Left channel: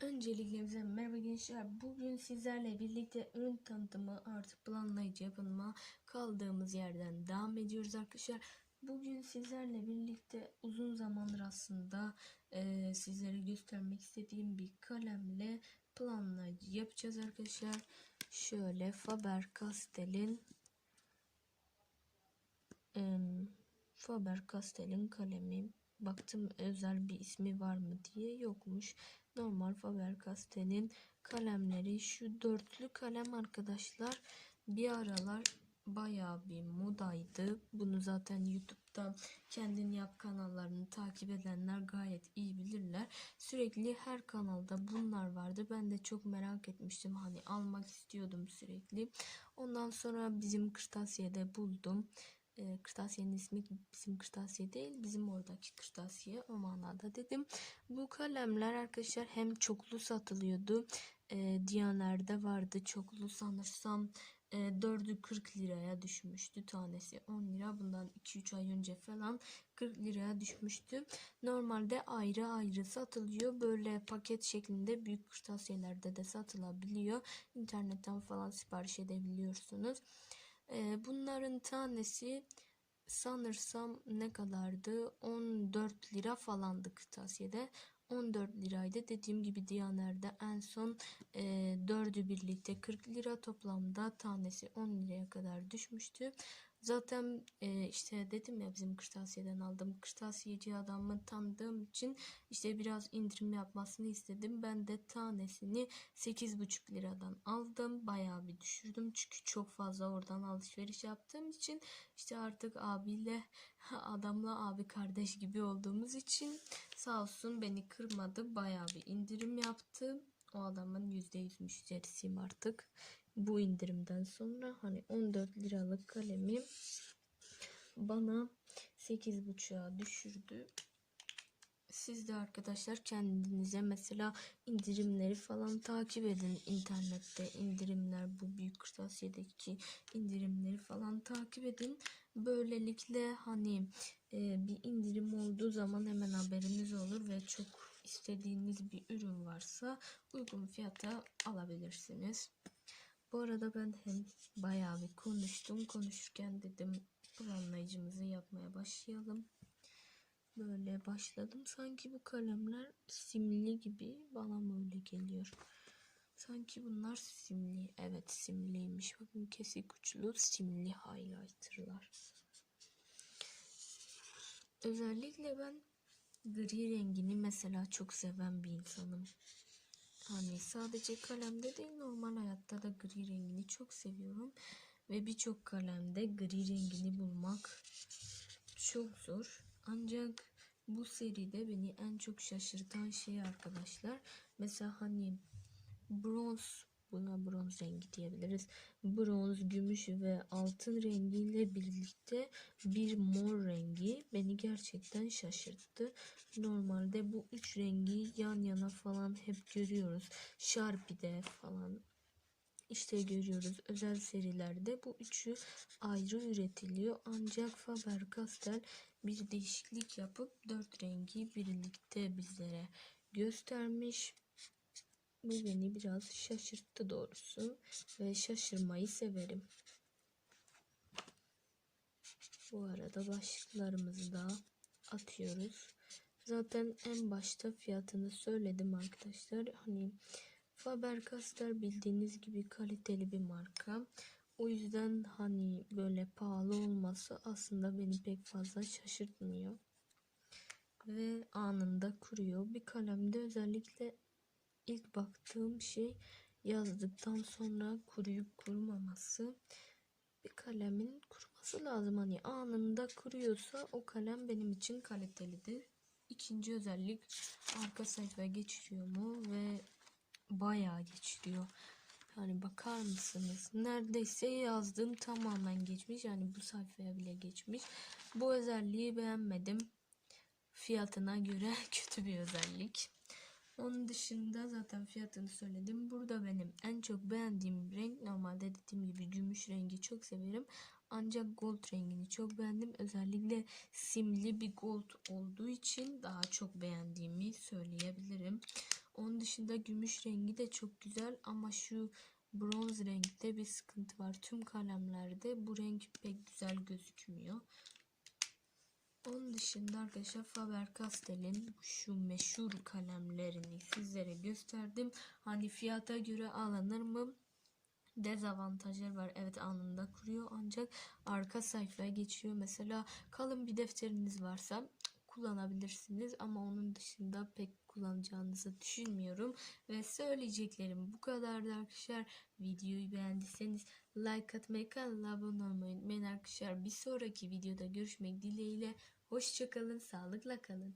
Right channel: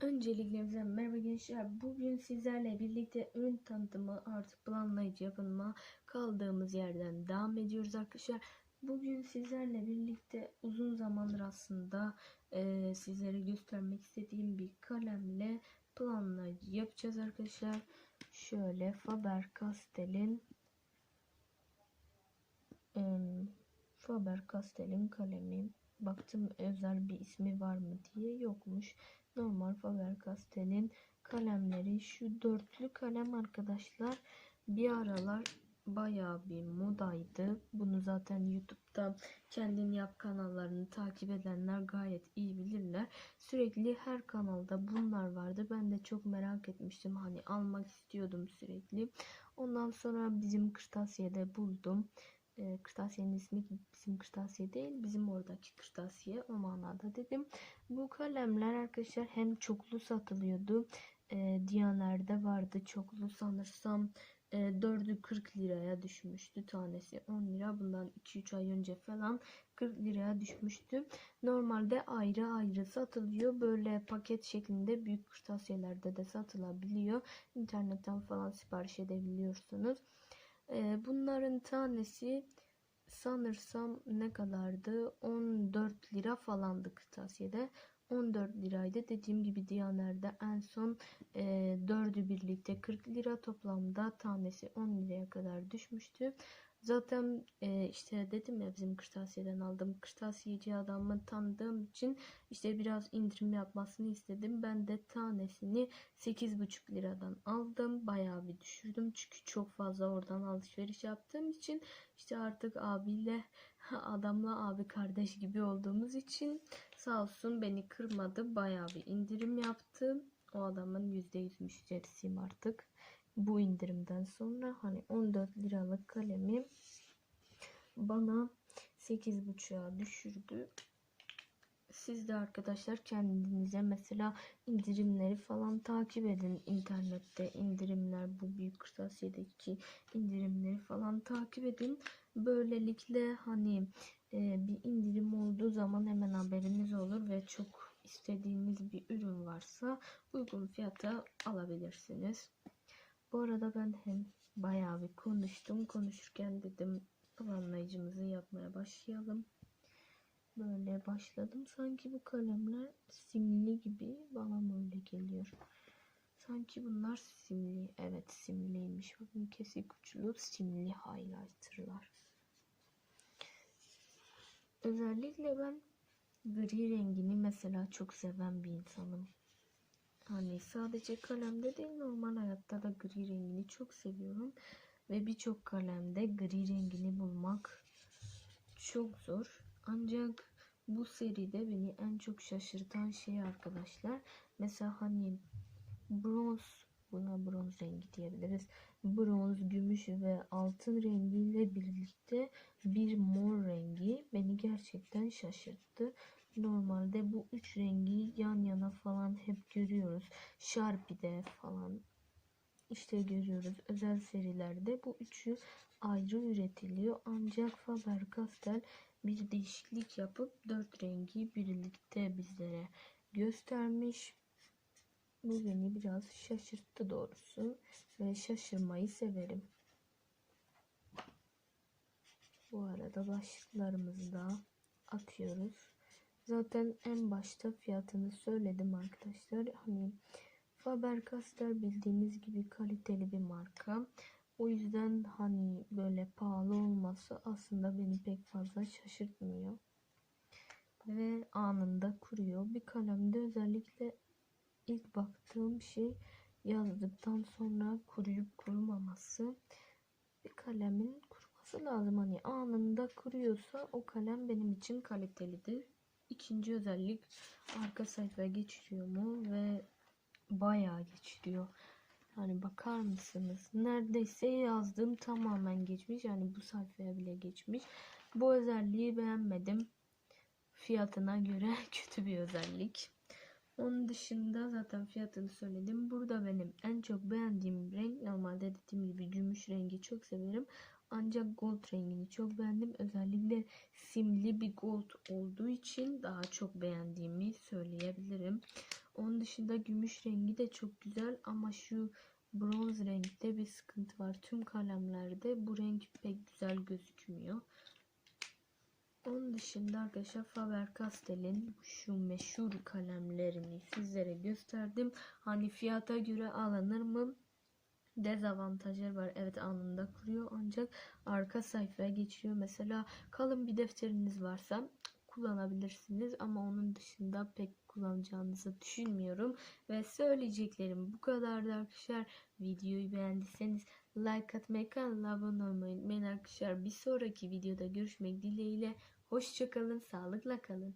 Öncelikle merhaba gençler. Bugün sizlerle birlikte ürün tanıtımı artık planlayıcı yapımına kaldığımız yerden devam ediyoruz arkadaşlar. Bugün sizlerle birlikte uzun zamandır aslında eee, sizlere göstermek istediğim bir kalemle planlayıcı yapacağız arkadaşlar. Şöyle Faber-Castell'in em, Faber-Castell'in kalemi. Baktım özel bir ismi var mı diye yokmuş. Normal Faber-Castell'in kalemleri şu dörtlü kalem arkadaşlar bir aralar bayağı bir modaydı. Bunu zaten YouTube'da kendin yap kanallarını takip edenler gayet iyi bilirler. Sürekli her kanalda bunlar vardı. Ben de çok merak etmiştim. Hani almak istiyordum sürekli. Ondan sonra bizim kırtasiyede buldum. E, kırtasiyenin ismi bizim kırtasiye değil bizim oradaki kırtasiye o manada dedim. Bu kalemler arkadaşlar hem çoklu satılıyordu. E, Diyaner'de vardı çoklu sanırsam e, 4'ü 40 liraya düşmüştü tanesi 10 lira bundan 2-3 ay önce falan 40 liraya düşmüştü. Normalde ayrı ayrı satılıyor. Böyle paket şeklinde büyük kırtasiyelerde de satılabiliyor. İnternetten falan sipariş edebiliyorsunuz. Ee, bunların tanesi sanırsam ne kadardı? 14 lira falandı kırtasiyede. 14 liraydı. Dediğim gibi Diyaner'de en son e, 4'ü birlikte 40 lira toplamda tanesi 10 liraya kadar düşmüştü. Zaten e, işte dedim ya bizim kırtasiyeden aldım. Kırtasiyeci adamı tanıdığım için işte biraz indirim yapmasını istedim. Ben de tanesini 8,5 liradan aldım. Bayağı bir düşürdüm. Çünkü çok fazla oradan alışveriş yaptığım için işte artık abiyle adamla abi kardeş gibi olduğumuz için sağ olsun beni kırmadı. Bayağı bir indirim yaptı. O adamın %100 müşterisiyim artık bu indirimden sonra hani 14 liralık kalemi bana 8.5'a düşürdü. Siz de arkadaşlar kendinize mesela indirimleri falan takip edin. internette indirimler bu büyük kırtasiyedeki indirimleri falan takip edin. Böylelikle hani e, bir indirim olduğu zaman hemen haberiniz olur ve çok istediğiniz bir ürün varsa uygun fiyata alabilirsiniz. Bu arada ben hem bayağı bir konuştum. Konuşurken dedim planlayıcımızı yapmaya başlayalım. Böyle başladım. Sanki bu kalemler simli gibi bana böyle geliyor. Sanki bunlar simli. Evet simliymiş. Bakın kesik uçlu simli highlighterlar. Özellikle ben gri rengini mesela çok seven bir insanım. Hani sadece kalemde değil normal hayatta da gri rengini çok seviyorum. Ve birçok kalemde gri rengini bulmak çok zor. Ancak bu seride beni en çok şaşırtan şey arkadaşlar. Mesela hani bronz buna bronz rengi diyebiliriz. Bronz, gümüş ve altın rengiyle birlikte bir mor rengi beni gerçekten şaşırttı. Normalde bu üç rengi yan yana falan hep görüyoruz. Sharpie'de falan işte görüyoruz. Özel serilerde bu üçü ayrı üretiliyor. Ancak Faber-Castell bir değişiklik yapıp dört rengi birlikte bizlere göstermiş. Bu beni biraz şaşırttı doğrusu ve şaşırmayı severim. Bu arada başlıklarımızı da atıyoruz. Zaten en başta fiyatını söyledim arkadaşlar. Hani Faber-Castell bildiğiniz gibi kaliteli bir marka. O yüzden hani böyle pahalı olması aslında beni pek fazla şaşırtmıyor. Ve anında kuruyor. Bir kalemde özellikle ilk baktığım şey yazdıktan sonra kuruyup kurumaması. Bir kalemin kuruması lazım. Hani anında kuruyorsa o kalem benim için kalitelidir. İkinci özellik arka sayfaya geçiriyor mu ve bayağı geçiriyor. Yani bakar mısınız? Neredeyse yazdığım tamamen geçmiş. Yani bu sayfaya bile geçmiş. Bu özelliği beğenmedim. Fiyatına göre kötü bir özellik. Onun dışında zaten fiyatını söyledim. Burada benim en çok beğendiğim renk normalde dediğim gibi gümüş rengi çok severim. Ancak gold rengini çok beğendim. Özellikle simli bir gold olduğu için daha çok beğendiğimi söyleyebilirim. Onun dışında gümüş rengi de çok güzel ama şu bronz renkte bir sıkıntı var. Tüm kalemlerde bu renk pek güzel gözükmüyor. Onun dışında arkadaşlar Faber-Castell'in şu meşhur kalemlerini sizlere gösterdim. Hani fiyata göre alınır mı? Dezavantajları var. Evet anında kuruyor ancak arka sayfaya geçiyor. Mesela kalın bir defteriniz varsa kullanabilirsiniz ama onun dışında pek kullanacağınızı düşünmüyorum. Ve söyleyeceklerim bu kadardı arkadaşlar. Videoyu beğendiyseniz like atmayı, kanala abone olmayı unutmayın arkadaşlar. Bir sonraki videoda görüşmek dileğiyle. Hoşçakalın, sağlıkla kalın.